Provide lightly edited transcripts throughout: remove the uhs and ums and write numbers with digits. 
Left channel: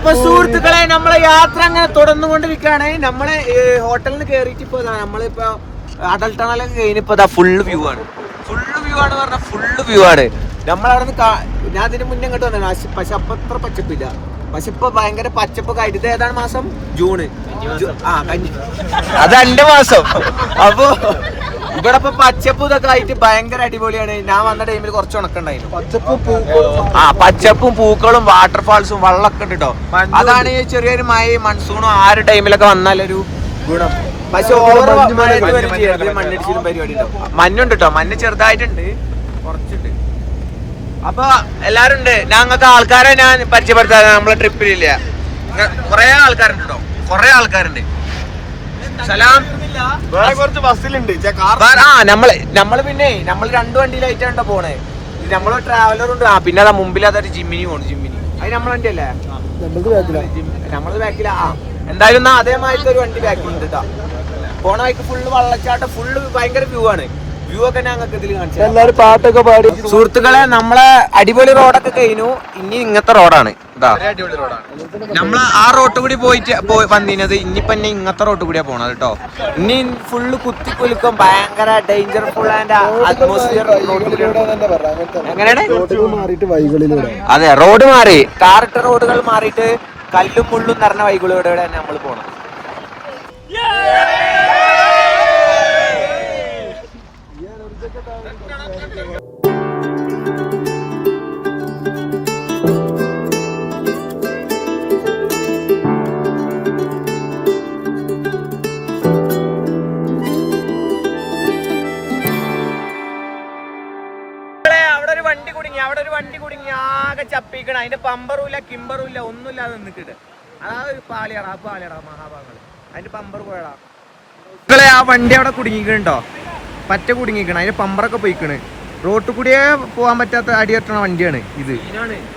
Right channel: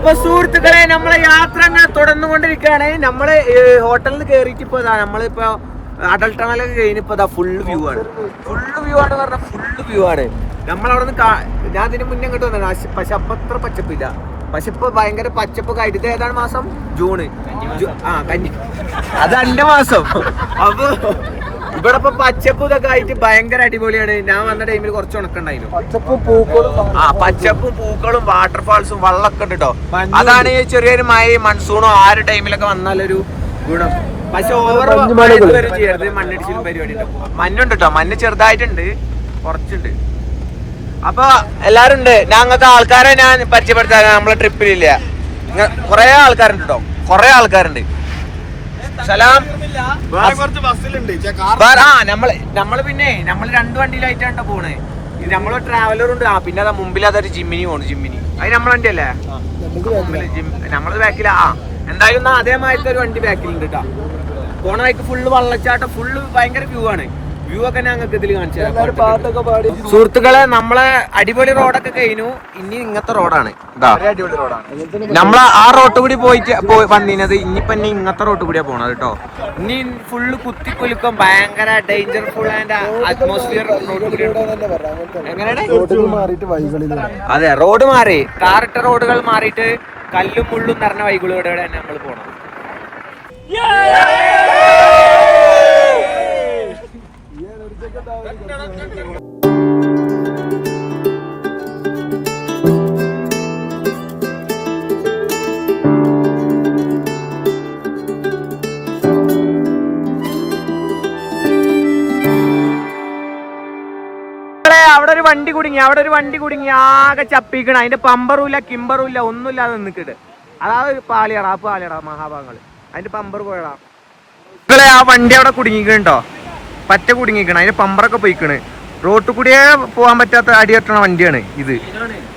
അപ്പൊ സുഹൃത്തുക്കളെ നമ്മളെ യാത്ര അങ്ങനെ തുടർന്നുകൊണ്ടിരിക്കുകയാണ്. നമ്മള് ഹോട്ടലിൽ നിന്ന് കേറിയിട്ട് ഇപ്പൊ നമ്മളിപ്പോ അടൽ ടണലൊക്കെ കഴിഞ്ഞിപ്പോ ഫുള്ള് വ്യൂ ആണ്. പറഞ്ഞാൽ ഫുള്ള് വ്യൂ ആണ്. നമ്മളവിടെ ഞാൻ അതിന് മുന്നേ ഇങ്ങോട്ട് വന്നു. പക്ഷെ അപ്പൊ അത്ര പച്ചപ്പില്ല. പക്ഷെ ഇപ്പൊ ഭയങ്കര പച്ചപ്പൊക്കെ ആയിട്ട്. ഇത് ഏതാണ് മാസം? ജൂണ്. അത് എന്റെ മാസം. അപ്പൊ ഇവിടെ ഇപ്പൊ പച്ചപ്പ് ഇതൊക്കെ ആയിട്ട് ഭയങ്കര അടിപൊളിയാണ്. ഞാൻ വന്ന ടൈമിൽ കുറച്ച് ഉണക്കുണ്ടായിരുന്നു. പച്ചപ്പും പൂക്കളും വാട്ടർഫാൾസും വെള്ളമൊക്കെ ഉണ്ട് കേട്ടോ. അതാണ് ഈ ചെറിയൊരു മഴ മൺസൂണോ ആ ഒരു ടൈമിലൊക്കെ വന്നാലൊരു ഗുണം. പക്ഷെ മണ്ണിടിച്ചിലും പരിപാടി ഉണ്ടോ? മഞ്ഞുണ്ട് കേട്ടോ. മഞ്ഞ് ചെറുതായിട്ടുണ്ട്, കുറച്ചുണ്ട്. അപ്പൊ എല്ലാരും ഉണ്ട്. ഞങ്ങൾക്ക് ആൾക്കാരെ ഞാൻ പരിചയപ്പെടുത്താൻ നമ്മളെ ട്രിപ്പിലില്ല. കൊറേ ആൾക്കാരുണ്ട് കേട്ടോ. കൊറേ സലാം. നമ്മള് പിന്നെ രണ്ട് വണ്ടിയിലായിട്ടാണ് പോണേ. നമ്മള് ട്രാവലർ ഉണ്ട്. പിന്നെ അതാ മുമ്പിൽ അതൊരു ജിമ്മിനി പോണു. അത് നമ്മളെ വണ്ടി അല്ലേ? നമ്മളത് ബാക്കിലാ. എന്തായാലും അതേമാതിരത്തെ ഒരു വണ്ടി ബാക്കിലുണ്ട് കേട്ടോ. പോണ വഴിക്ക് ഫുള്ള് വള്ളച്ചാട്ടം, ഫുള്ള് ഭയങ്കര വ്യൂ ആണ്. വ്യൂ ഒക്കെ ഞങ്ങൾക്ക് ഇതിൽ കാണിച്ചു. പാട്ടൊക്കെ പാടി. സുഹൃത്തുക്കളെ, നമ്മളെ അടിപൊളി റോഡൊക്കെ കഴിഞ്ഞു. ഇനി ഇങ്ങനത്തെ റോഡാണ് ഇതാ. നമ്മളെ ആ റോഡ് കൂടി വന്നിരുന്നത്. ഇനിയിപ്പൊ ഇങ്ങനത്തെ റോഡ് കൂടിയാ പോണത് കേട്ടോ. ഇനി ഫുള്ള് കുത്തിക്കുലുക്കും, ഭയങ്കര ഡേഞ്ചർഫുൾ ആൻഡ് അറ്റ്മോസ്ഫിയർ റോഡ് കൂടിയാണ്. എങ്ങനെയാണ്? അതെ, റോഡ് മാറി. ടാറിട്ട റോഡുകൾ മാറിയിട്ട് കല്ലും മുള്ളും നിറഞ്ഞ വഴികളിലൂടെ നമ്മൾ പോണത്. അവിടെ ഒരു വണ്ടി കുടുങ്ങി ആകെ ചപ്പിക്കണം. അതിന്റെ പമ്പറുമില്ല, കിമ്പറുമില്ല, ഒന്നുമില്ലാതെ നിന്നിട്ട്. അതായത് ഒരു പാളിയടാ മഹാഭാഗങ്ങൾ. അതിന്റെ പമ്പർ പോയടാ. ആ വണ്ടി അവിടെ കുടുങ്ങിക്കണോ? പറ്റ കുടുങ്ങിക്കണം. അതിന്റെ പമ്പറൊക്കെ പോയിക്കണ്. റോഡ് കൂടിയേ പോകാൻ പറ്റാത്ത അടി കെട്ടണ വണ്ടിയാണ് ഇത്.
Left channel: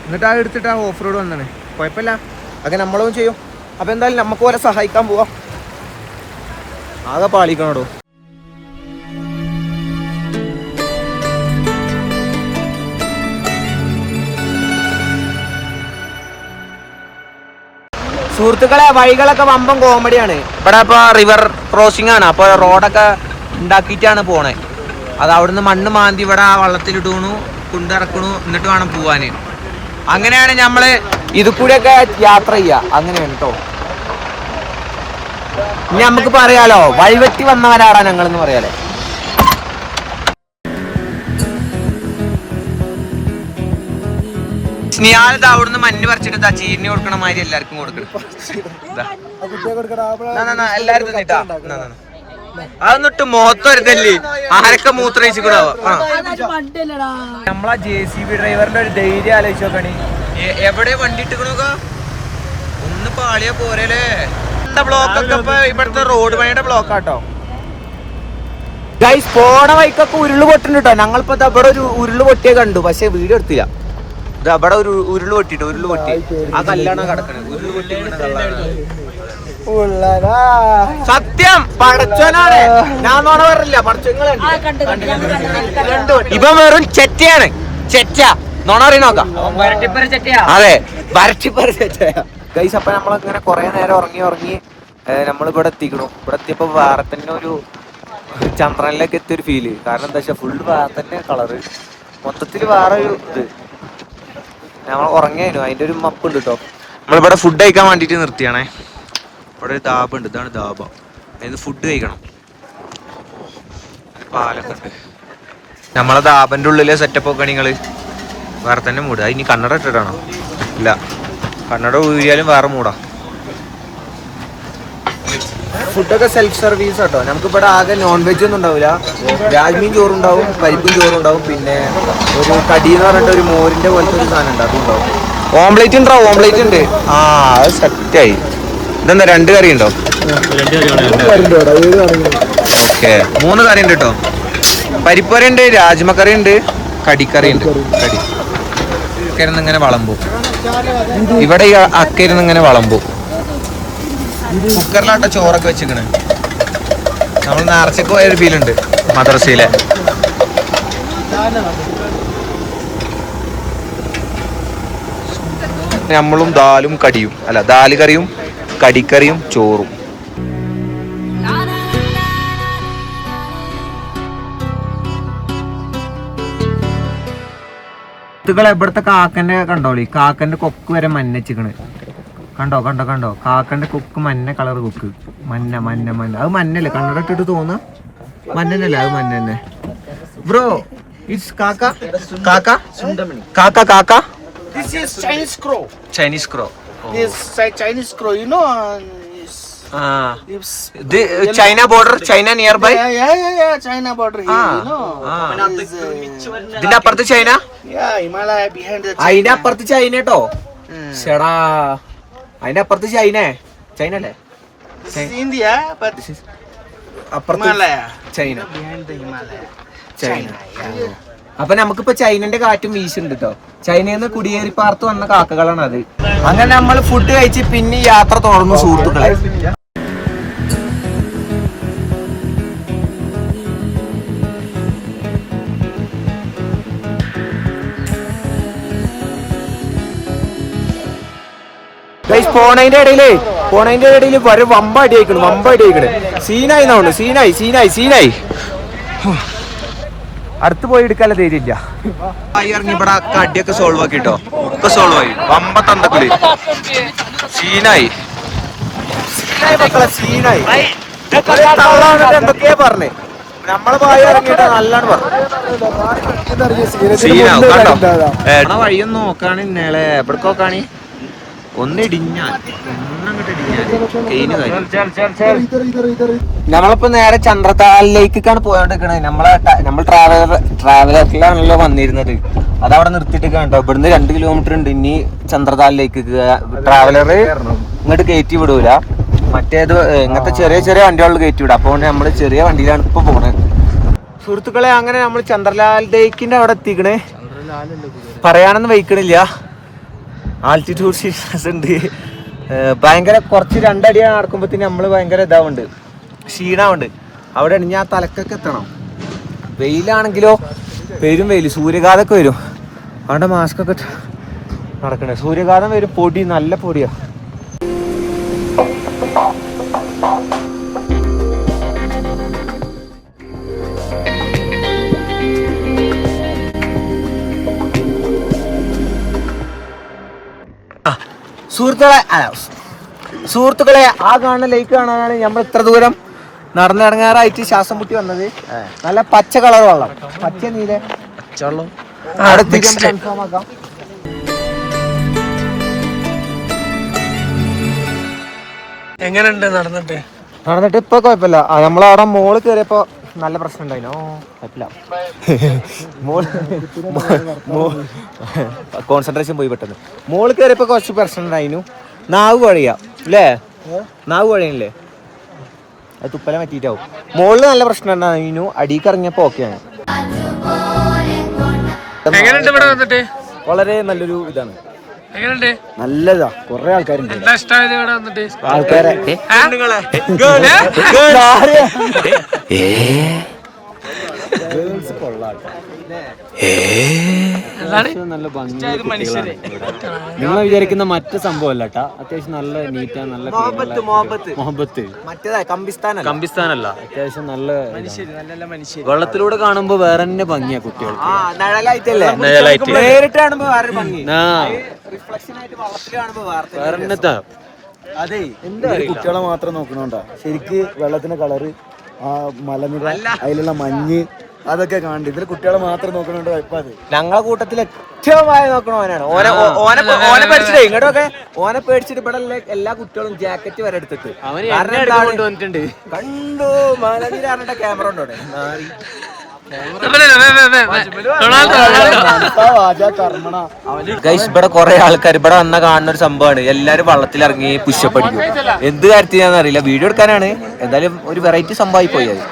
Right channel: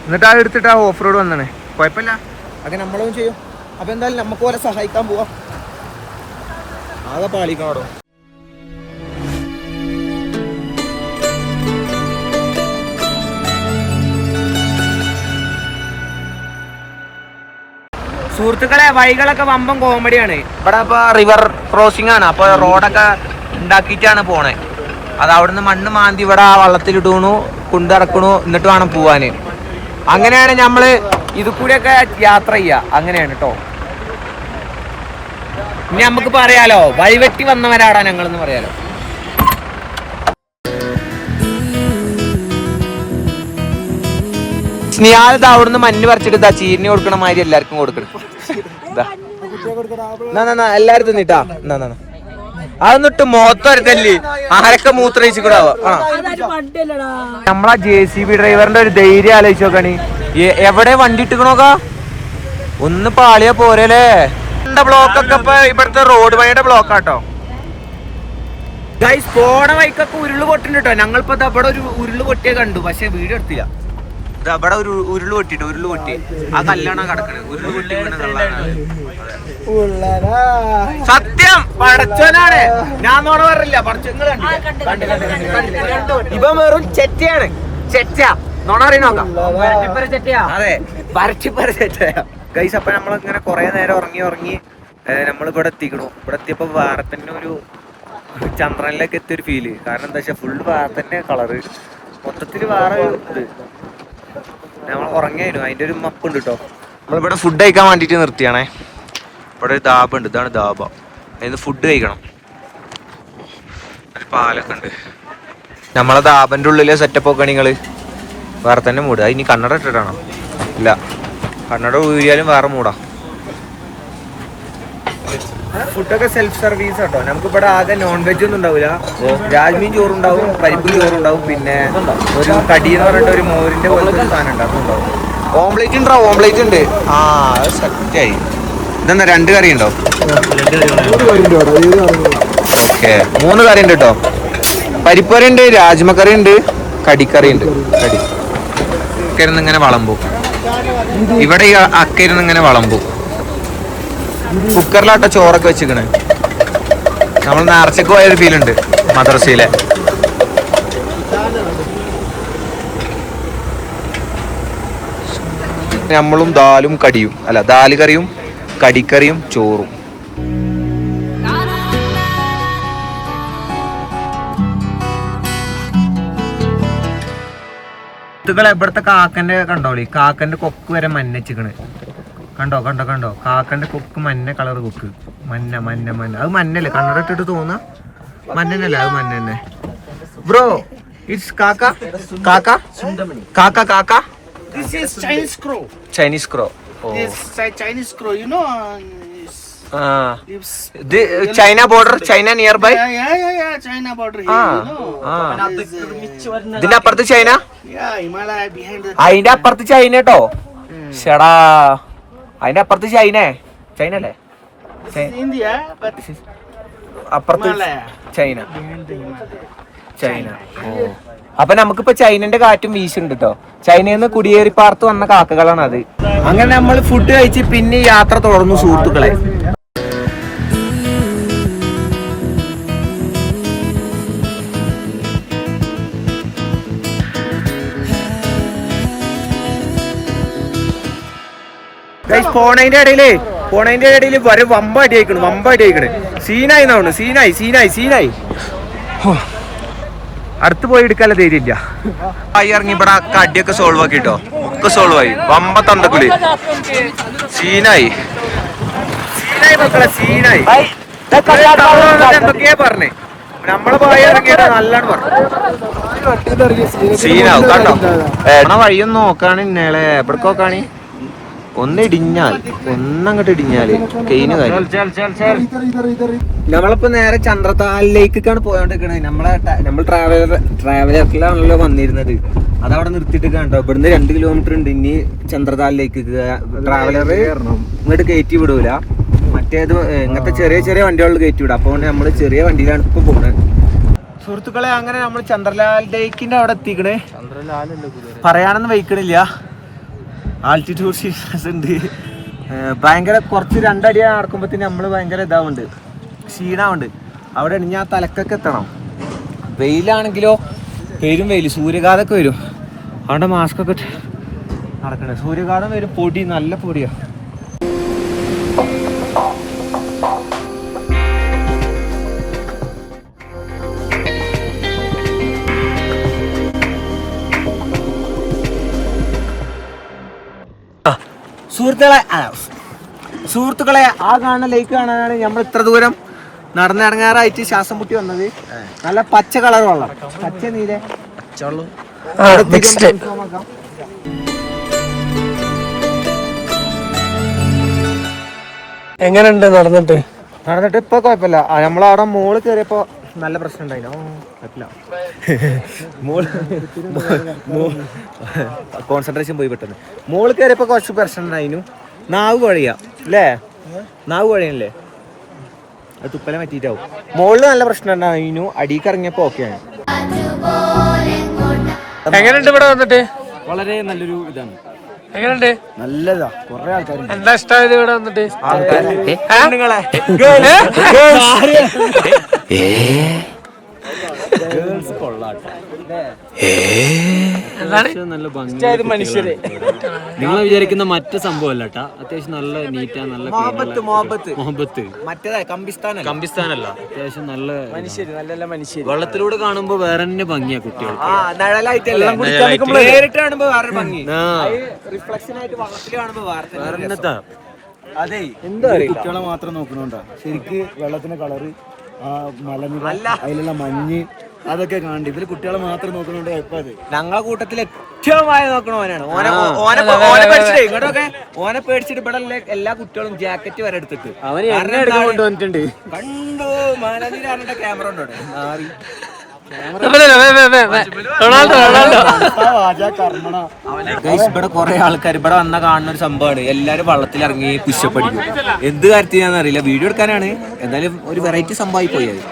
എന്നിട്ട് അത് എടുത്തിട്ട് ആ ഓഫ് റോഡ് വന്നാണ്. കുഴപ്പമില്ല, അതൊക്കെ നമ്മളും ചെയ്യും. അപ്പൊ എന്തായാലും നമുക്ക് പോലെ സഹായിക്കാൻ പോവാം. ആകെ പാളിക്കണോ. സുഹൃത്തുക്കളെ, വഴികളൊക്കെ വമ്പം കോമഡിയാണ്. ഇവിടെ ഇപ്പൊ റിവർ ക്രോസിംഗ് ആണ്. അപ്പൊ റോഡൊക്കെ ഉണ്ടാക്കിയിട്ടാണ് പോണേ. അത് അവിടുന്ന് മണ്ണ് മാന്തി ഇവിടെ ആ വള്ളത്തിലിടണു, കൊണ്ടിറക്കണു, എന്നിട്ട് വേണം പോവാന്. അങ്ങനെയാണ് നമ്മള് ഇത് കൂടെയൊക്കെ യാത്ര ചെയ്യുക. അങ്ങനെയാണ് കേട്ടോ. ഇനി നമുക്ക് പറയാലോ, വഴിവെട്ടി വന്നവരാടാ ഞങ്ങളെന്ന് പറയാലോ. സ്നേഹാലത്ത് അവിടുന്ന് മഞ്ഞ് പറിച്ചിട്ട് ചീരിനി കൊടുക്കണ മാതിരി എല്ലാവർക്കും കൊടുക്കണം. എല്ലാരും തിന്നിട്ടാ. അതൊന്നിട്ട് മുഖത്തൊരുത്തല്ലേ ആരൊക്കെ മൂത്രയിച്ചിക്കൂടാവാ. നമ്മളാ JCB ഡ്രൈവറിന്റെ ഒരു ധൈര്യം ആലോചിച്ച് നോക്കാണ്. എവിടെ വണ്ടി ഇട്ടിക്കണോക്കാ? ഒന്ന് പാളിയാ പോരല്ലേ. ബ്ലോക്കൊക്കെ ഇപ്പൊ ഇവിടുത്തെ റോഡ് പണിയുടെ ബ്ലോക്കാട്ടോ. ഗൈസ്, പോണ വൈക്കൊക്കെ ഉരുള് പൊട്ടുണ്ട് കേട്ടോ. ഞങ്ങളിപ്പോ ഇവിടെ ഒരു ഉരുള് പൊട്ടിയെ കണ്ടു, പക്ഷെ വീഡിയോ എടുത്തില്ല. ഇത് അവിടെ ഒരു ഉരുള് പൊട്ടി ആ കല്ലാണ് കിടക്കണത്. ഉരുള് പൊട്ടി സത്യം പടച്ചോനാണ്. ഞാൻ നോണ പറഞ്ഞില്ല. പടച്ചോങ്ങളെ ഇപ്പൊ വെറും ചെറ്റയാണ്. ചെറ്റ നോണ അറിയ നോക്കാം. അതെ, വരട്ടിപ്പര ചെറ്റയാ ഗൈസ്. അപ്പൊ നമ്മളിങ്ങനെ കൊറേ നേരം ഉറങ്ങി നമ്മളിവിടെ എത്തിക്കണു. ഇവിടെ എത്തിയപ്പോ വേറെ തന്നെ ഒരു ചന്ദ്രനിലേക്ക് എത്തിയൊരു ഫീല്. കാരണം എന്താ വെച്ചാൽ ഫുള്ള് വേറെ തന്നെ കളറ്, മൊത്തത്തിൽ വേറെ ഒരു ഇത്. നമ്മൾ ഉറങ്ങിയായിരുന്നു. അതിന്റെ ഒരു മപ്പുണ്ട് കേട്ടോ. നമ്മളിവിടെ ഫുഡ് കഴിക്കാൻ വേണ്ടിട്ട് നിർത്തിയാണേ. ഇവിടെ ഒരു ധാബ ഉണ്ട്. ഇതാണ് ധാബ. അതിന് ഫുഡ് കഴിക്കണം. ഒരു പാലൊക്കെ ഉണ്ട്. നമ്മളെ ധാബന്റെ ഉള്ളിലെ സെറ്റപ്പ് ഒക്കെ നിങ്ങള് വേറെ തന്നെ മൂട്. അത് ഇനി കന്നഡ ഇട്ടിട്ടാണോ? ഇല്ല, കന്നഡ ഊരിയാലും വേറെ മൂടാ. ഫുഡൊക്കെ സെൽഫ് സർവീസ് കേട്ടോ. നമുക്ക് ഇവിടെ ആകെ നോൺ വെജ് ഒന്നും ഉണ്ടാവില്ല. രാജ്മീൻ ചോറുണ്ടാവും, പരിപ്പും ചോറുണ്ടാവും, പിന്നെ ഒരു കടി എന്ന് പറഞ്ഞിട്ട് ഒരു മോരിന്റെ പോലത്തെ ഒരു സാധനം ഉണ്ട്, അതും ഉണ്ടാവും. ഓംപ്ലേറ്റ് ഉണ്ടോ? ഓംപ്ലേറ്റ് ഉണ്ട്. ആ, അത് സെറ്റായി. ഇതെന്താ 2 കറി ഉണ്ടോ? ഓക്കെ, 3 കറി ഉണ്ട് കേട്ടോ. പരിപ്പറി ഉണ്ട്, രാജ്മക്കറി ഉണ്ട്, കടിക്കറി ഉണ്ട്. അക്കരുന്ന് ഇങ്ങനെ വളമ്പും. ഇവിടെ ഈ അക്കരുന്ന് ഇങ്ങനെ വളമ്പും. കുക്കറിലാട്ട ചോറൊക്കെ വെച്ചിക്കണ്. നമ്മൾ നേർച്ചക്ക് പോയൊരു ഫീലുണ്ട് മദ്രസയിലെ. നമ്മളും ദാലും കടിയും അല്ല ദാല് കറിയും കടിക്കറിയും ചോറും. ഇവിടുത്തെ കാക്കന്റെ കണ്ടോളി, കാക്കന്റെ കൊക്ക് വരെ മഞ്ഞച്ചിക്കണ്. കണ്ടോ കണ്ടോ കണ്ടോ, കാക്കന്റെ കൊക്ക് മഞ്ഞ കളർ കൊക്ക്, മഞ്ഞ മഞ്ഞ മഞ്ഞ. അത് മഞ്ഞല്ലേ, കണ്ണട ഇട്ടിട്ട് തോന്നുക മഞ്ഞല്ലേ, അത് മഞ്ഞ തന്നെ. ബ്രോ ഇറ്റ്സ് കാക്ക കാക്ക കാക്ക കാക്ക. This is Chinese crow. Chinese crow. Oh. This Chinese crow, you know. China border, China nearby. Yeah. China border here, you know. ഇതിന്റെ അപ്പുറത്ത് China. Yeah, Himalaya behind the. അതിന്റെ അപ്പുറത്ത് ചൈന കേട്ടോ. ഷടാ, അതിന്റെ അപ്പുറത്ത് ചൈന അല്ലേ? This is India, but അപ്പുറത്ത് Himalaya. China. Behind the Himalaya. China. ഓ, അപ്പൊ നമുക്കിപ്പോ ചൈനന്റെ കാറ്റും വീശുണ്ട് കേട്ടോ. ചൈനയിൽ നിന്ന് കുടിയേറി പാർത്ത് വന്ന കാക്കകളാണ് അത്. അങ്ങനെ നമ്മൾ ഫുഡ് കഴിച്ച് പിന്നെ യാത്ര തുടർന്നു സുഹൃത്തുക്കളെ. പോണതിന്റെ ഇടയില് വരെ വമ്പ അടി അയക്കണ്. സീനായി എന്നാണ്, സീനായി. അടുത്ത് പോയി എടുക്കാനുള്ള ധൈര്യമില്ല. ഇറങ്ങി ഇവിടെ അടിയൊക്കെ സോൾവ് ആക്കിട്ടോ, ഒക്കെ സോൾവ് ആയി. വമ്പ തന്തക്കുളി സീനായി മക്കളെ, സീനായി. തള്ള വന്നിട്ട് എന്തൊക്കെയാ പറഞ്ഞേ, നമ്മളെ പായ ഇറങ്ങിയിട്ട് നല്ലാണ് പറഞ്ഞു. സീനാവും കണ്ടോ. വഴിയൊന്നും നോക്കാണ് ഇന്നേളെ, എവിടേക്ക് നോക്കാണ്. ഒന്നങ്ങോട്ട് ഇടിഞ്ഞാല് കെയിന് കാര്യം. നമ്മളിപ്പോ നേരെ ചന്ദ്രതാലിലേക്കാണ് പോയോണ്ടിരിക്കണത്. നമ്മൾ ട്രാവലറിലാണല്ലോ വന്നിരുന്നത്. അതവിടെ നിർത്തിയിട്ട് കണ്ടോ, ഇവിടുന്ന് 2 കിലോമീറ്റർ ഉണ്ട് ഇനി ചന്ദ്രതാലിലേക്ക്. ട്രാവലർ ഇങ്ങോട്ട് കയറ്റി വിടൂല, മറ്റേത് ഇങ്ങനത്തെ ചെറിയ വണ്ടികളിൽ കയറ്റി വിടാം. അപ്പോൾ നമ്മള് ചെറിയ വണ്ടിയിലാണ് ഇപ്പൊ പോണത് സുഹൃത്തുക്കളെ. അങ്ങനെ നമ്മൾ ചന്ദ്രലാൽ ലേക്കിന്റെ അവിടെ എത്തിക്കണേ. പറയാനൊന്നും വയ്ക്കണില്ല, ആൾട്ടിറ്റ്യൂഡ് സിക്നസ് ഉണ്ട് ഭയങ്കര. കുറച്ച് 2 അടി നടക്കുമ്പോഴത്തേന് നമ്മൾ ഭയങ്കര ഇതാവുണ്ട്, ക്ഷീണമുണ്ട്. അവിടെ ഞാൻ തലക്കൊക്കെ എത്തണം. വെയിലാണെങ്കിലോ പെരും വെയിൽ, സൂര്യഘാതമൊക്കെ വരും. അവിടെ മാസ്കൊക്കെ നടക്കണേ. സൂര്യഘാതം വരും, പൊടി, നല്ല പൊടിയാ. സുഹൃത്തുക്കളെ ആ കാണുന്ന ലേക്ക് കാണാനാണ് നമ്മൾ ഇത്ര ദൂരം നടന്നിറങ്ങാറായിട്ട് ശ്വാസം മുട്ടി വന്നത്. നല്ല പച്ച കളർ വെള്ളം, പച്ച നീല എങ്ങനെയുണ്ട് നടന്നിട്ട് ഇപ്പൊ കുഴപ്പമില്ല. നമ്മളവിടെ മോള് കയറിയപ്പോ നല്ല പ്രശ്നം ഉണ്ടായില്ല. കോൺസെൻട്രേഷൻ പോയി പെട്ടെന്ന്. മോള് കയറിയപ്പോ കുറച്ച് പ്രശ്നം ഉണ്ടായിരുന്നു. നാവ് കുഴയാ അല്ലേ, നാവ് കുഴയല്ലേ, അത് തുപ്പല പറ്റിയിട്ടാവും. മോളില് നല്ല പ്രശ്നം ഉണ്ടായിരുന്നു, അടിക്ക് ഇറങ്ങിയപ്പോ ഓക്കെയാണ്. എങ്ങനെയുണ്ട് ഇവിടെ വന്നിട്ട്? വളരെ നല്ലൊരു ഇതാണ്. എങ്ങനെയുണ്ട്? നല്ലതാ. കൊറേ ആൾക്കാരുണ്ട്. എന്താ ഇഷ്ടമായത് ഇവിടെ വന്നിട്ട്? ആൾക്കാരെ നല്ല ഭംഗിയുള്ള കുട്ടികളാണ്. നിങ്ങൾ വിചാരിക്കുന്ന മറ്റു സംഭവമല്ല കേട്ടാ, അത്യാവശ്യം നല്ല നീറ്റാ, നല്ല ക്ലീനുള്ള മൊഹബത്ത്. കമ്പിസ്ഥാനല്ല, അത്യാവശ്യം നല്ല വെള്ളത്തിലൂടെ കാണുമ്പോ വേറെ തന്നെ ഭംഗിയാ കുട്ടികൾക്ക്. നേരിട്ട് കാണുമ്പോ വേറെ ഭംഗി, റിഫ്ലക്ഷൻ ആയിട്ട് വെള്ളത്തിൽ കാണുമ്പോ വേറെ. അതെ, എന്താ കുട്ടികളെ മാത്രം നോക്കണോണ്ടാ ശരിക്ക് വെള്ളത്തിന്റെ കളറ്, ആ മലനിര, അതിലുള്ള മഞ്ഞ്, അതൊക്കെ കാണണ്ട. ഇതില് കുട്ടികളെ മാത്രം നോക്കണോണ്ട് കുഴപ്പമില്ല. ഞങ്ങളെ കൂട്ടത്തിൽ ഏറ്റവും വായ നോക്കണവനാണ്. ഓനെ പേടിച്ചിട്ട് ഇങ്ങോട്ടൊക്കെ ഓനെ പേടിച്ചിട്ട് ഇവിടെ എല്ലാ കുട്ടികളും ജാക്കറ്റ് വരെ എടുത്തിട്ട് കണ്ടു. മലനിര പറഞ്ഞിട്ട് ക്യാമറ ഉണ്ടോ ഗൈസ്? ഇവിടെ കുറെ ആൾക്കാർ ഇവിടെ വന്ന കാണുന്ന ഒരു സംഭവമാണ്. എല്ലാരും വള്ളത്തിലിറങ്ങി പുഷപ്പ് അടിക്കും. എന്ത് കാര്യത്തിനാന്ന് അറിയില്ല, വീഡിയോ എടുക്കാനാണ്. എന്തായാലും ഒരു വെറൈറ്റി സംഭവമായി പോയി അത്.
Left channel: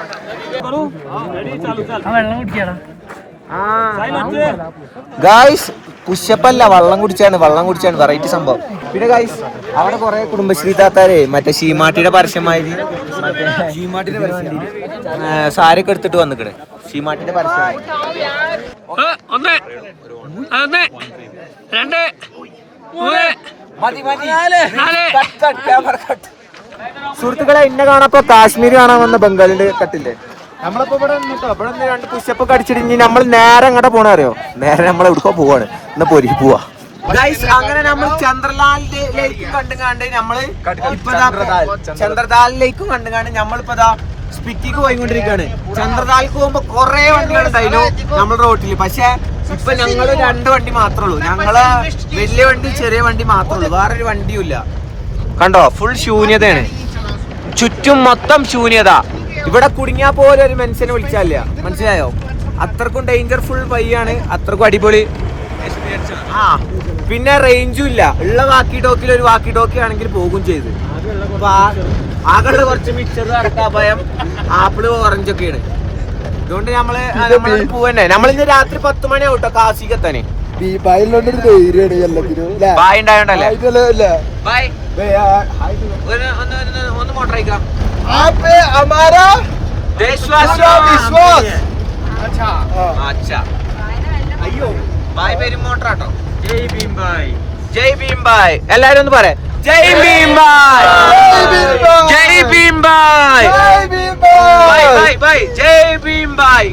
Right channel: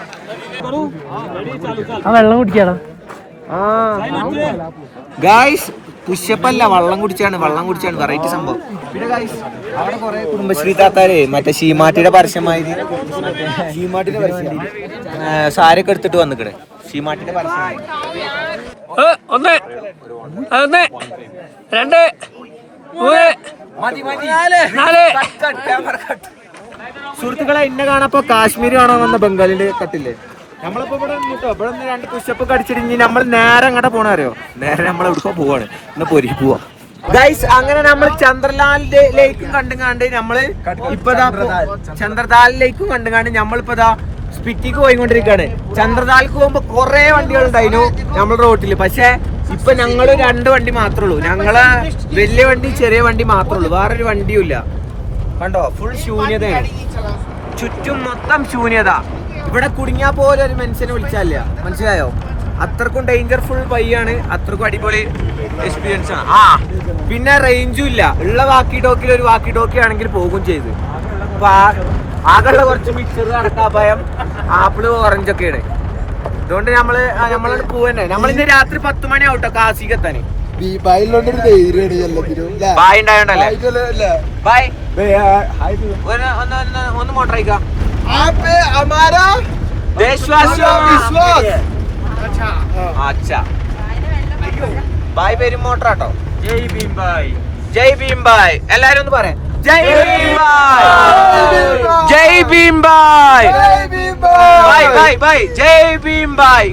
വെള്ളം കുടിക്കാടാ ഗൈസ്, പുഷപ്പല്ല, വെള്ളം കുടിച്ചാണ് വെറൈറ്റി സംഭവം. പിന്നെ ഗൈസ് അവിടെ കുറെ കുടുംബശ്രീ താത്താര് മറ്റേ ഷീമാട്ടിയുടെ പരസ്യമായത്, മറ്റേ ഷീമാട്ടിന്റെ പരസ്യം സാരിയൊക്കെ എടുത്തിട്ട് വന്നിക്കണേ. ഷീമാട്ടിന്റെ പരസ്യമായി. 1 2 സുഹൃത്തുക്കളെ ഇന്നെ കാണാപ്പോ കാശ്മീർ കാണാൻ വന്ന ബംഗാളിന്റെ കട്ടില്ലേ നമ്മളിപ്പോ ഇവിടെ നിന്നിട്ടോ ഇവിടെ നിന്ന് 2 പുഷപ്പൊക്കെ അടിച്ചിട്ട് നമ്മൾ നേരെ അങ്ങോട്ട് പോണ അറിയോ നേരെ നമ്മൾ എവിടെ പോവാണ് എന്നാ പോരി പോവാ ഗൈസ് അങ്ങനെ നമ്മൾ ചന്ദ്രലാലിന്റെ ലേക്കും കണ്ടുകാണ്ട് നമ്മള് ഇപ്പൊ ചന്ദ്രലാലിലേക്കും കണ്ടുകാണ്ട് നമ്മളിപ്പോ സ്പിറ്റിക്ക് പോയിക്കൊണ്ടിരിക്കാണ് ചന്ദ്രതാൽക്ക് പോകുമ്പോ കൊറേ വണ്ടികൾ ഉണ്ടായിരുന്നു നമ്മുടെ റോട്ടില് പക്ഷെ ഇപ്പൊ ഞങ്ങള് 2 വണ്ടി മാത്രമേ ഉള്ളൂ ഞങ്ങളെ വലിയ വണ്ടി ചെറിയ വണ്ടി മാത്രമേ ഉള്ളൂ വേറൊരു വണ്ടിയും ഇല്ല കണ്ടോ ഫുൾ ശൂന്യതയാണ് ചുറ്റും മൊത്തം ശൂന്യത ഇവിടെ കുടുങ്ങിയാ പോലെ ഒരു മനുഷ്യനെ വിളിച്ചാല്ല മനസ്സിലായോ അത്രക്കും ഡേഞ്ചർഫുൾ വഴിയാണ് അത്രക്കും അടിപൊളി എക്സ്പീരിയൻസ് ആണ് ആ പിന്നെ റേഞ്ചും ഇല്ല ഉള്ള വാക്കി ടോക്കിൽ ഒരു വാക്കി ടോക്കി ആണെങ്കിൽ പോകും ചെയ്ത് ആകെയുള്ള കുറച്ച് മിക്സർ അടക്കാപ്പായം ആപ്പിള് ഓറഞ്ച് ഒക്കെയാണ് അതുകൊണ്ട് നമ്മള് പോവന്നെ നമ്മളിന്ന് രാത്രി 10 മണി ആവട്ടോ കാസിക്കെത്താന് ബായ് ഉണ്ടായോണ്ടല്ലേ ബായ് ഒന്ന് മോട്ടർ അയക്കാം ബായ് പേരും മോട്ടറാട്ടോ ജയ് ഭീം ബായ് എല്ലാരും ഒന്ന് പറയാം ജയ് ഭീം ബായ് ജയ് ഭീം ബായ് ബൈ ബൈ ബൈ ജയ് ഭീം ബായ്